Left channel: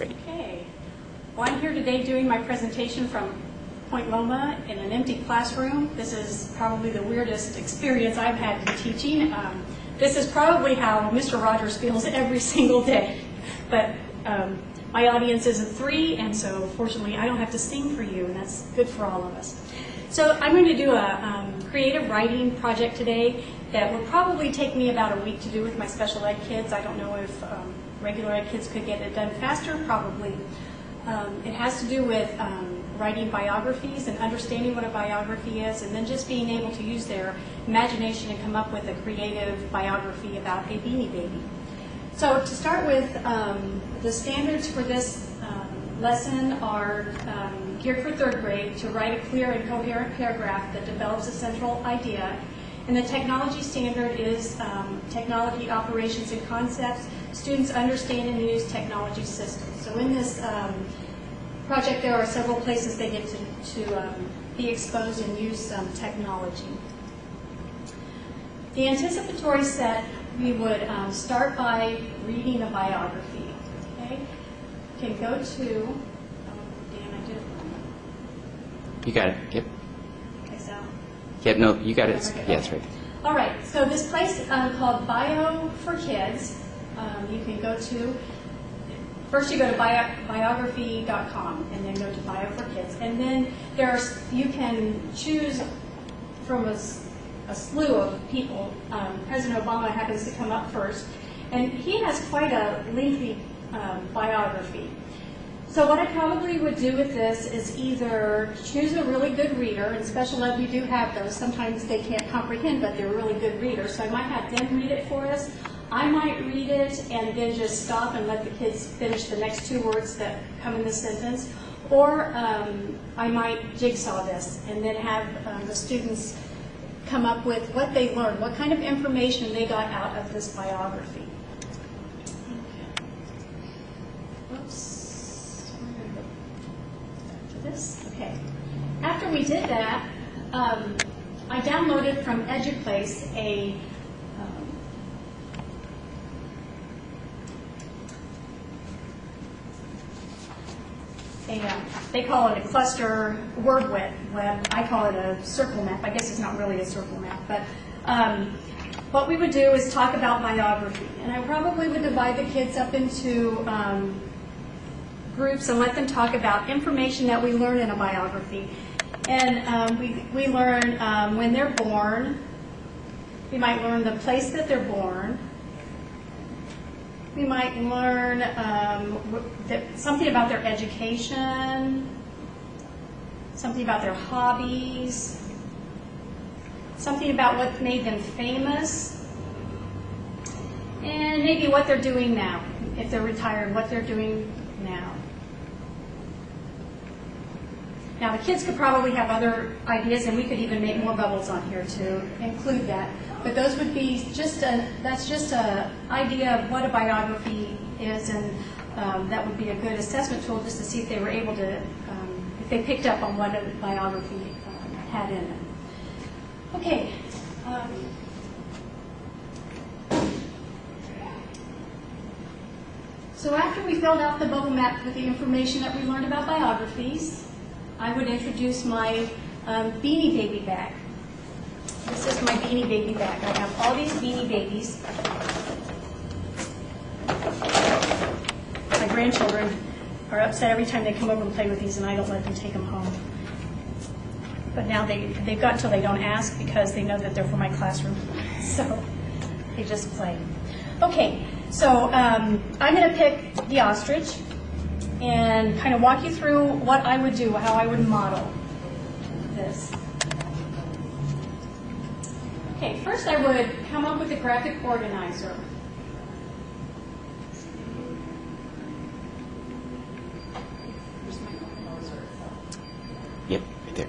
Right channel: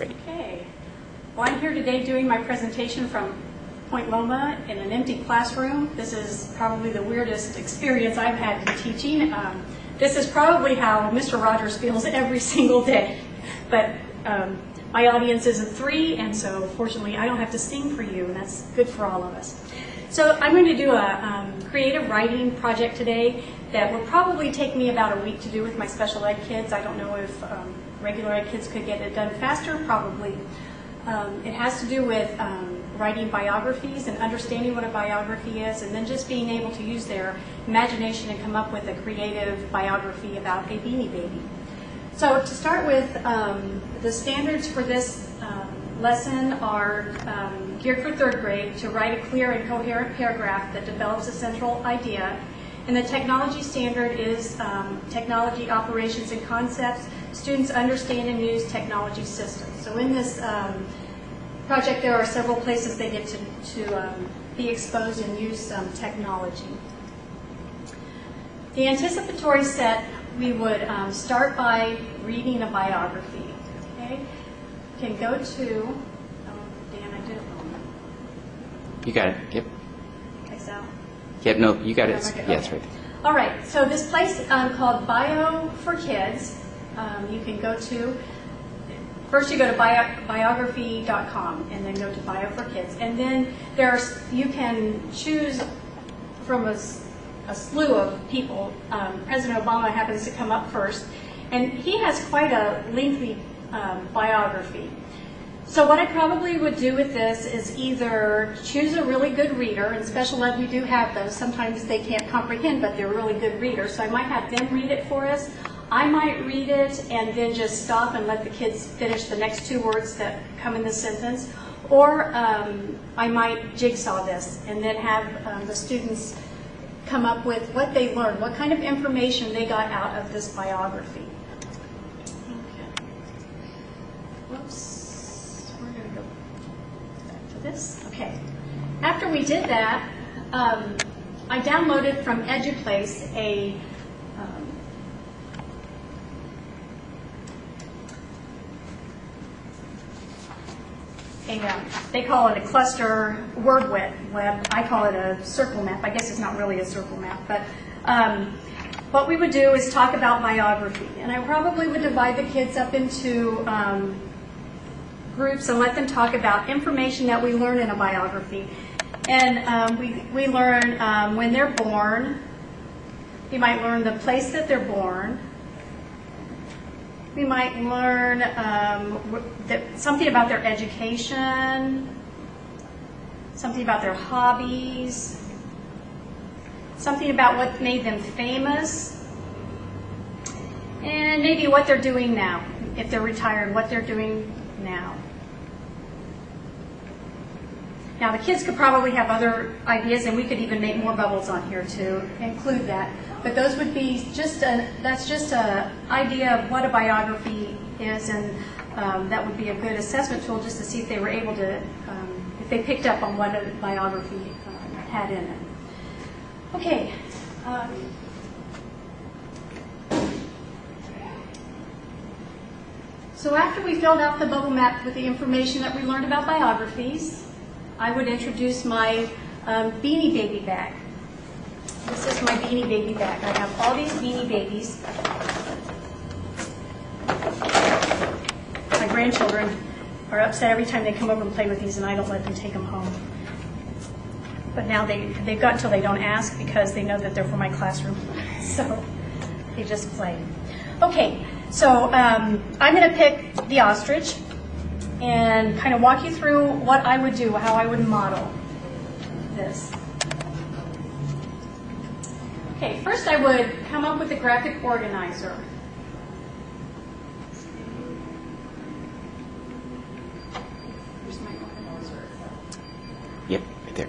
Great. Okay. Well, I'm here today doing my presentation from Point Loma in an empty classroom. This is probably the weirdest experience I've had in teaching. This is probably how Mr. Rogers feels every single day. But my audience isn't 3, and so fortunately I don't have to sing for you, and that's good for all of us. So I'm going to do a creative writing project today that will probably take me about a week to do with my special ed kids. I don't know if regular ed kids could get it done faster, probably. It has to do with writing biographies and understanding what a biography is, and then just being able to use their imagination and come up with a creative biography about a Beanie Baby. So to start with, the standards for this lesson are geared for 3rd grade to write a clear and coherent paragraph that develops a central idea. And the technology standard is technology operations and concepts. Students understand and use technology systems. So in this project, there are several places they get to be exposed and use technology. The anticipatory set, we would start by reading a biography. Okay, you can go to, Dan, I did it wrong. You got it. Yep. Okay, so. Yep. No, you got it. Okay. Yeah, that's right. All right. So this place called Bio for Kids, you can go to. First, you go to biography.com and then go to Bio for Kids, and then you can choose from a slew of people. President Obama happens to come up first, and he has quite a lengthy biography. So what I probably would do with this is either choose a really good reader. In special ed, we do have those. Sometimes they can't comprehend, but they're really good readers. So I might have them read it for us. I might read it and then just stop and let the kids finish the next 2 words that come in the sentence. Or I might jigsaw this and then have the students come up with what they learned, what kind of information they got out of this biography. Okay. Whoops. We're going to go back to this. Okay. After we did that, I downloaded from EduPlace they call it a cluster word web. I call it a circle map. I guess it's not really a circle map, but what we would do is talk about biography. And I probably would divide the kids up into groups and let them talk about information that we learn in a biography. And we learn when they're born. We might learn the place that they're born. We might learn something about their education, something about their hobbies, something about what made them famous, and maybe what they're doing now. If they're retired, what they're doing now. Now, the kids could probably have other ideas, and we could even make more bubbles on here to include that. But those would be that's just an idea of what a biography is, and that would be a good assessment tool just to see if they were able to, if they picked up on what a biography had in it. Okay. So after we filled out the bubble map with the information that we learned about biographies, I would introduce my Beanie Baby bag. This is my Beanie Baby bag. I have all these Beanie Babies. My grandchildren are upset every time they come over and play with these, and I don't let them take them home. But now they've got until they don't ask because they know that they're for my classroom. So they just play. Okay, so I'm going to pick the ostrich and kind of walk you through what I would do, how I would model this. Okay, first I would come up with a graphic organizer. Where's my organizer? Yep, right there.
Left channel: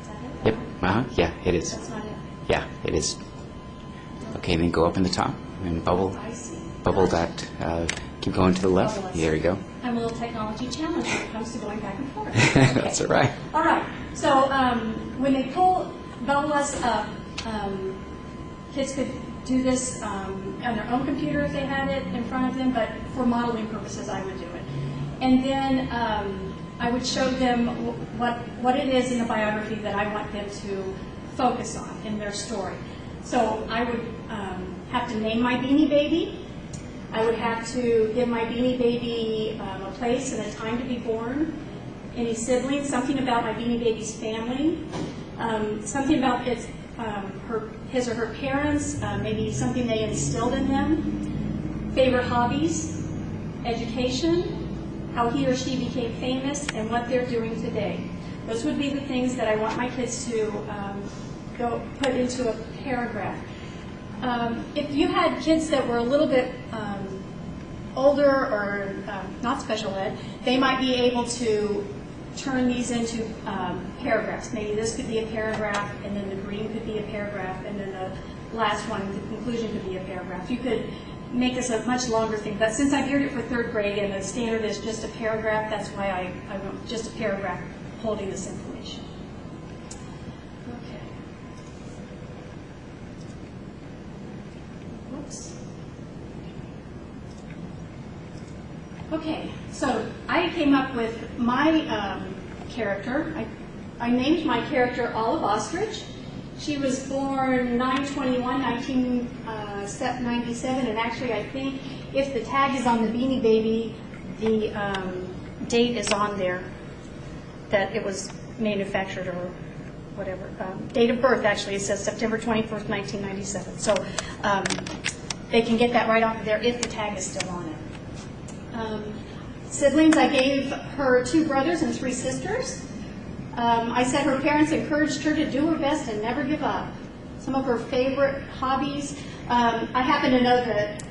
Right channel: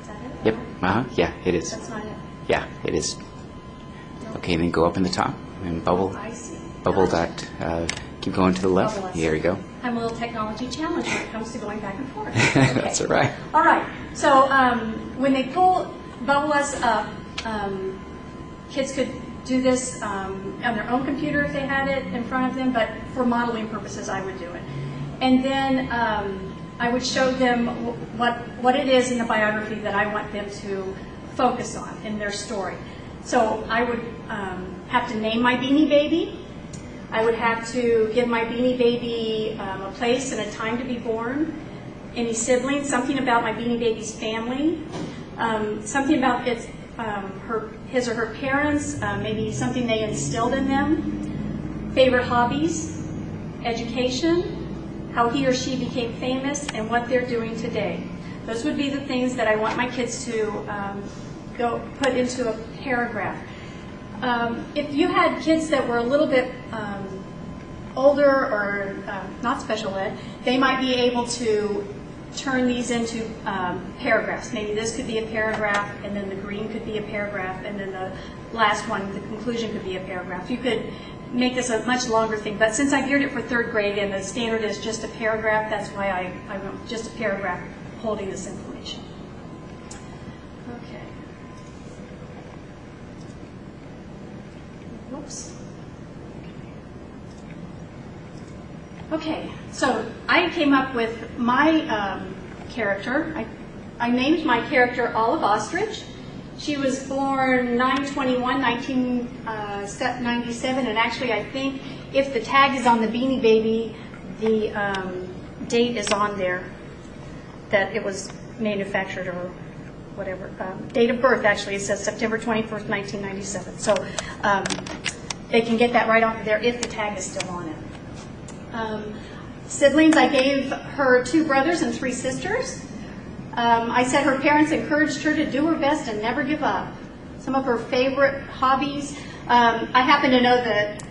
Is that it? Yep. Yeah, it is. That's not it. Yeah, it is. Okay, then go up in the top and bubble. I see. Bubble that. Keep going to the left. Bubble us. There we go. I'm a little technology challenged when it comes to going back and forth. Okay. That's all right. All right. So when they bubble us up, kids could do this on their own computer if they had it in front of them, but for modeling purposes, I would do it. And then I would show them what it is in the biography that I want them to focus on in their story. So I would have to name my Beanie Baby. I would have to give my Beanie Baby a place and a time to be born, any siblings, something about my Beanie Baby's family, something about his or her parents, maybe something they instilled in them, favorite hobbies, education, how he or she became famous, and what they're doing today. Those would be the things that I want my kids to go put into a paragraph. If you had kids that were a little bit older or not special ed, they might be able to turn these into paragraphs. Maybe this could be a paragraph, and then the green could be a paragraph, and then the last one, the conclusion, could be a paragraph. You could make this a much longer thing, but since I geared it for 3rd grade and the standard is just a paragraph, that's why I wrote just a paragraph holding this information. Okay. Whoops. Okay, so I came up with my character. I named my character Olive Ostrich. She was born 9/21/1997, and actually I think if the tag is on the Beanie Baby, the date is on there that it was manufactured or whatever. Date of birth, actually, it says September 21st, 1997. So they can get that right off of there if the tag is still on it. Siblings, I gave her 2 brothers and 3 sisters. I said her parents encouraged her to do her best and never give up. Some of her favorite hobbies. I happen to know that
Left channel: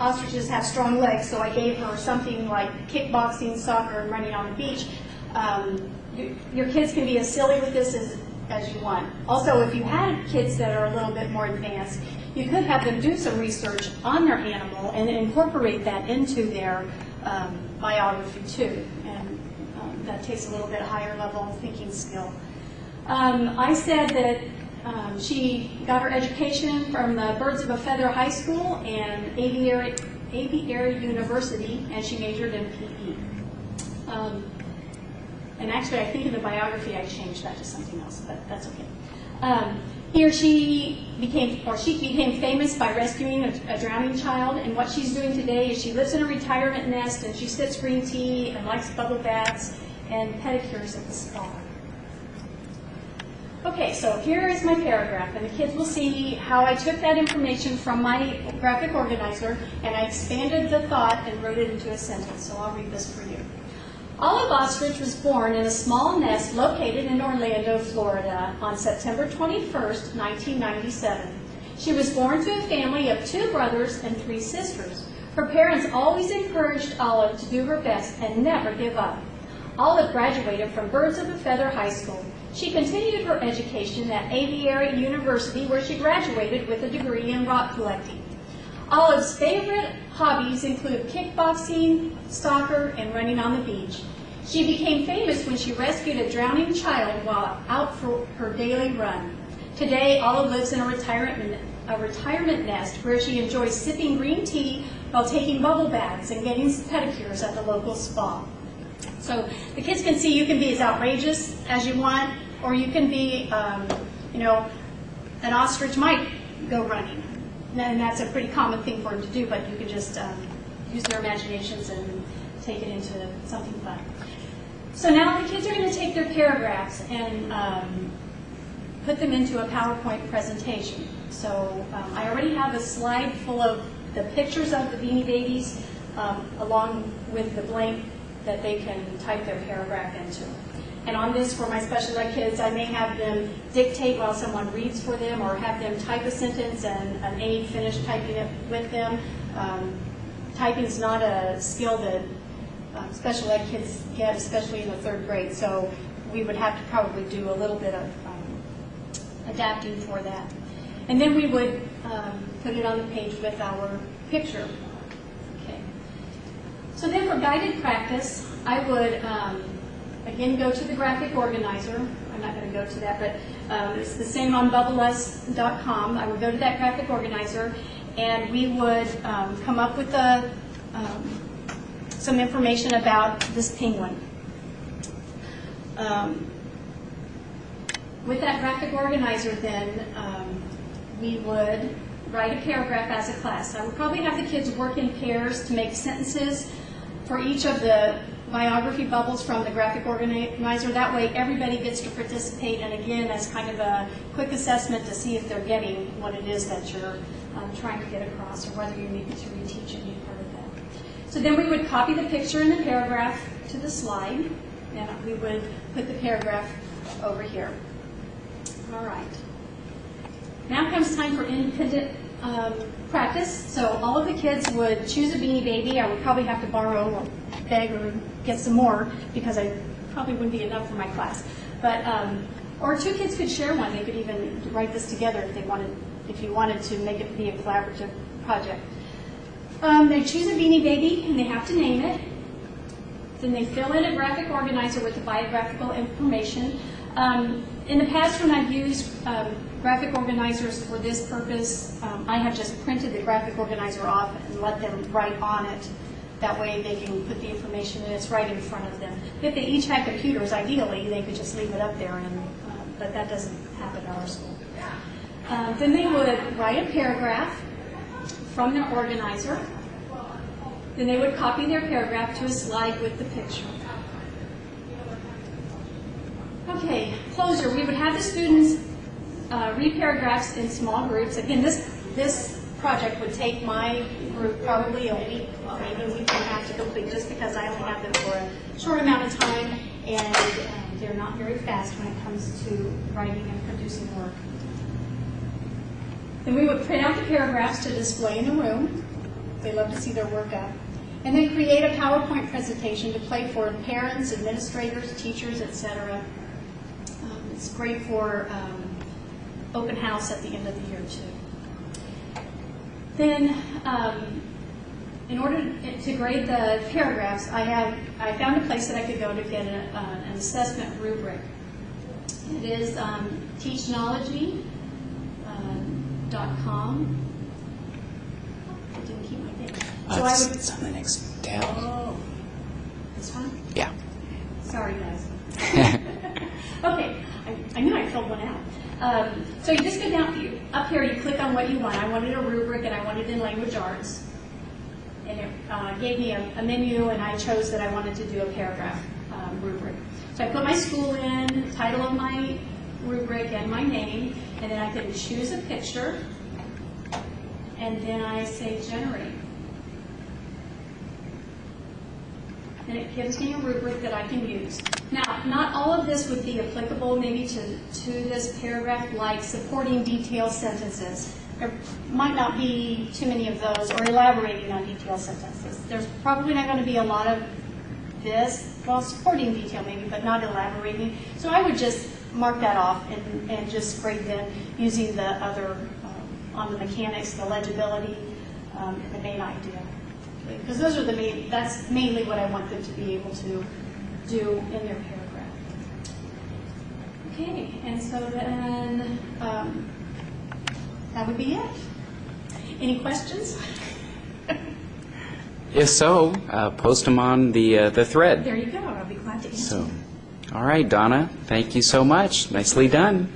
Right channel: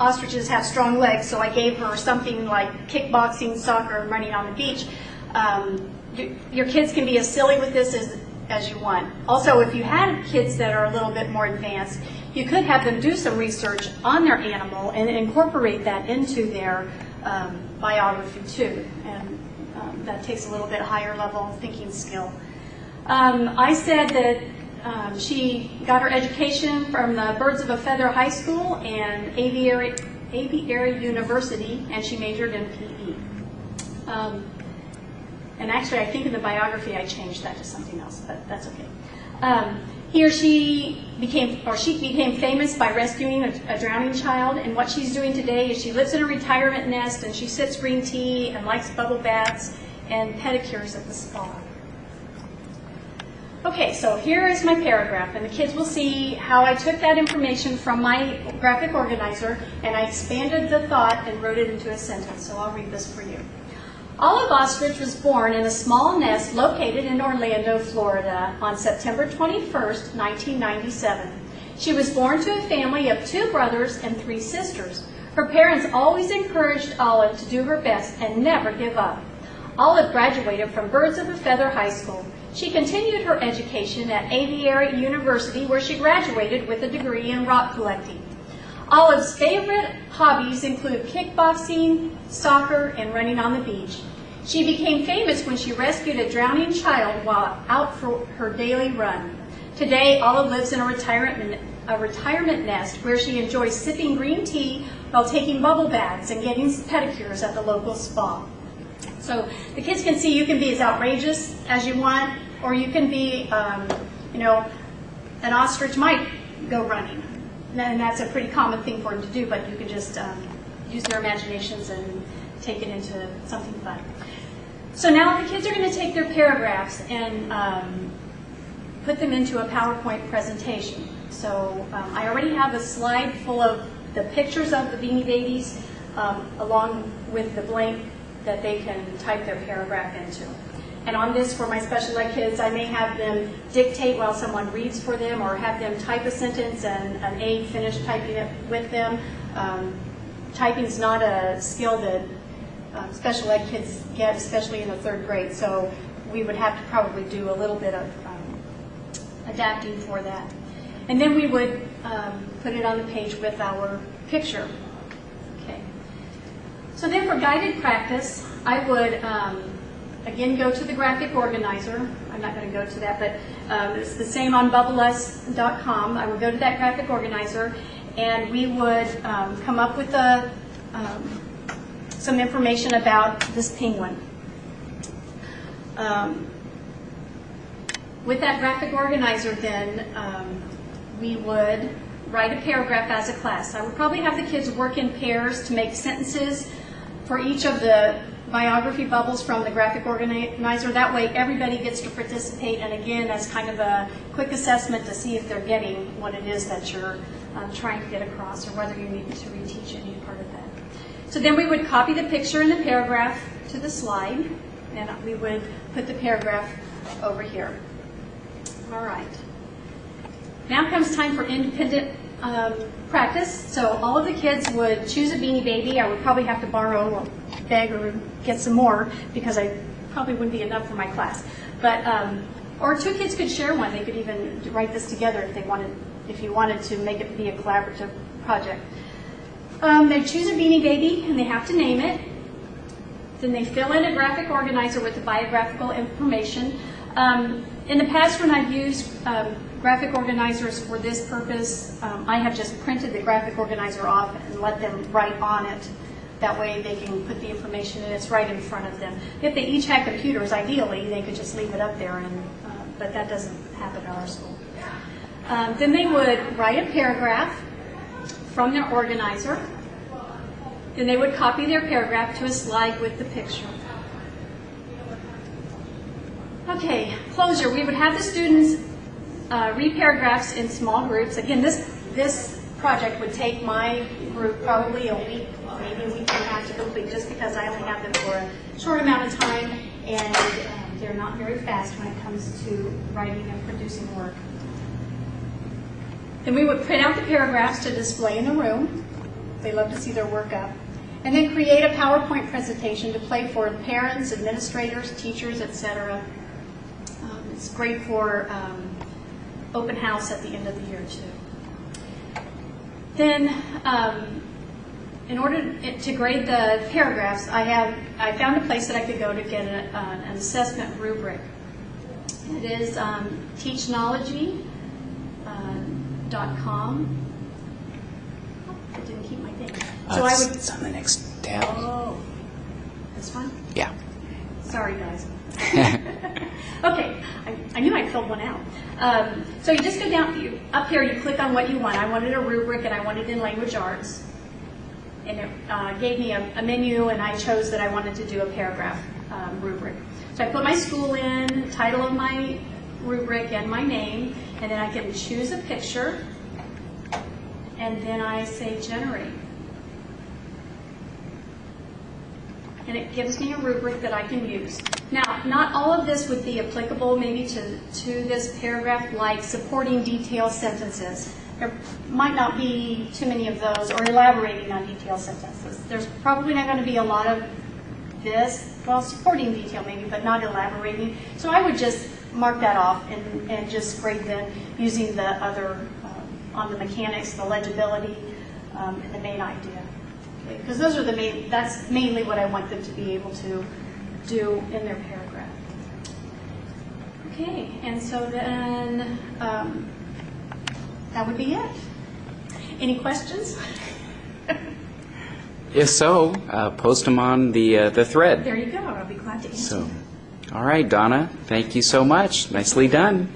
ostriches have strong legs, so I gave her something like kickboxing, soccer, and running on the beach. Your kids can be as silly with this as you want. Also, if you had kids that are a little bit more advanced, you could have them do some research on their animal and incorporate that into their biography too. And that takes a little bit higher level thinking skill. I said that she got her education from the Birds of a Feather High School and Aviary University, and she majored in PE. And actually, I think in the biography I changed that to something else, but that's okay. She became famous by rescuing a drowning child, and what she's doing today is she lives in a retirement nest, and she sips green tea and likes bubble baths and pedicures at the spa. Okay, so here is my paragraph, and the kids will see how I took that information from my graphic organizer and I expanded the thought and wrote it into a sentence, so I'll read this for you. Olive Ostrich was born in a small nest located in Orlando, Florida on September 21st, 1997. She was born to a family of 2 brothers and 3 sisters. Her parents always encouraged Olive to do her best and never give up. Olive graduated from Birds of a Feather High School. She continued her education at Aviary University, where she graduated with a degree in rock collecting. Olive's favorite hobbies include kickboxing, soccer, and running on the beach. She became famous when she rescued a drowning child while out for her daily run. Today, Olive lives in a retirement nest where she enjoys sipping green tea while taking bubble baths and getting pedicures at the local spa. So the kids can see you can be as outrageous as you want, or you can be, an ostrich might go running. And that's a pretty common thing for them to do, but you can just use their imaginations and take it into something fun. So now the kids are going to take their paragraphs and put them into a PowerPoint presentation. So I already have a slide full of the pictures of the Beanie Babies along with the blank that they can type their paragraph into. And on this, for my special ed kids, I may have them dictate while someone reads for them, or have them type a sentence and an aide finish typing it with them. Typing is not a skill that special ed kids get, especially in the 3rd grade, so we would have to probably do a little bit of adapting for that. And then we would put it on the page with our picture. Okay. So then for guided practice, I would again go to the graphic organizer. I'm not going to go to that, but it's the same on bubbles.com. I would go to that graphic organizer, and we would come up with some information about this penguin. With that graphic organizer, then, we would write a paragraph as a class. I would probably have the kids work in pairs to make sentences for each of the biography bubbles from the graphic organizer. That way everybody gets to participate, and again, as kind of a quick assessment to see if they're getting what it is that you're trying to get across, or whether you need to reteach any part of that. So then we would copy the picture and the paragraph to the slide, and we would put the paragraph over here. All right. Now comes time for independent practice. So all of the kids would choose a Beanie Baby. I would probably have to borrow or beg or get some more, because I probably wouldn't be enough for my class. But or two kids could share one. They could even write this together if they wanted, if you wanted to make it be a collaborative project. They choose a Beanie Baby and they have to name it. Then they fill in a graphic organizer with the biographical information. In the past, when I've used graphic organizers for this purpose, I have just printed the graphic organizer off and let them write on it. That way they can put the information and it's right in front of them. If they each had computers, ideally, they could just leave it up there, but that doesn't happen at our school. Then they would write a paragraph from their organizer. Then they would copy their paragraph to a slide with the picture. Okay, closure. We would have the students read paragraphs in small groups. Again, this project would take my group probably a week, maybe a week and a half to complete, just because I only have them for a short amount of time, and they're not very fast when it comes to writing and producing work. Then we would print out the paragraphs to display in the room. They love to see their work up. And then create a PowerPoint presentation to play for parents, administrators, teachers, etc. It's great for open house at the end of the year, too. Then, in order to grade the paragraphs, I found a place that I could go to get an assessment rubric. It is teachnology.com. I didn't keep my thing. So it's on the next tab. Oh, this one? Yeah. Sorry, guys. Okay, I knew I filled one out. So you just go down, up here, you click on what you want. I wanted a rubric, and I wanted in language arts. And it gave me a menu, and I chose that I wanted to do a paragraph rubric. So I put my school in, title of my rubric, and my name, and then I can choose a picture, and then I say generate. And it gives me a rubric that I can use. Now, not all of this would be applicable maybe to this paragraph, like supporting detailed sentences. There might not be too many of those, or elaborating on detailed sentences. There's probably not going to be a lot of this, well, supporting detail maybe, but not elaborating. So I would just mark that off and just grade them using the other, on the mechanics, the legibility, and the main idea. Because those are that's mainly what I want them to be able to do in their paragraph. Okay, and so then that would be it. Any questions? If so, post them on the thread. There you go. I'll be glad to answer. So, all right, Donna, thank you so much. Nicely done.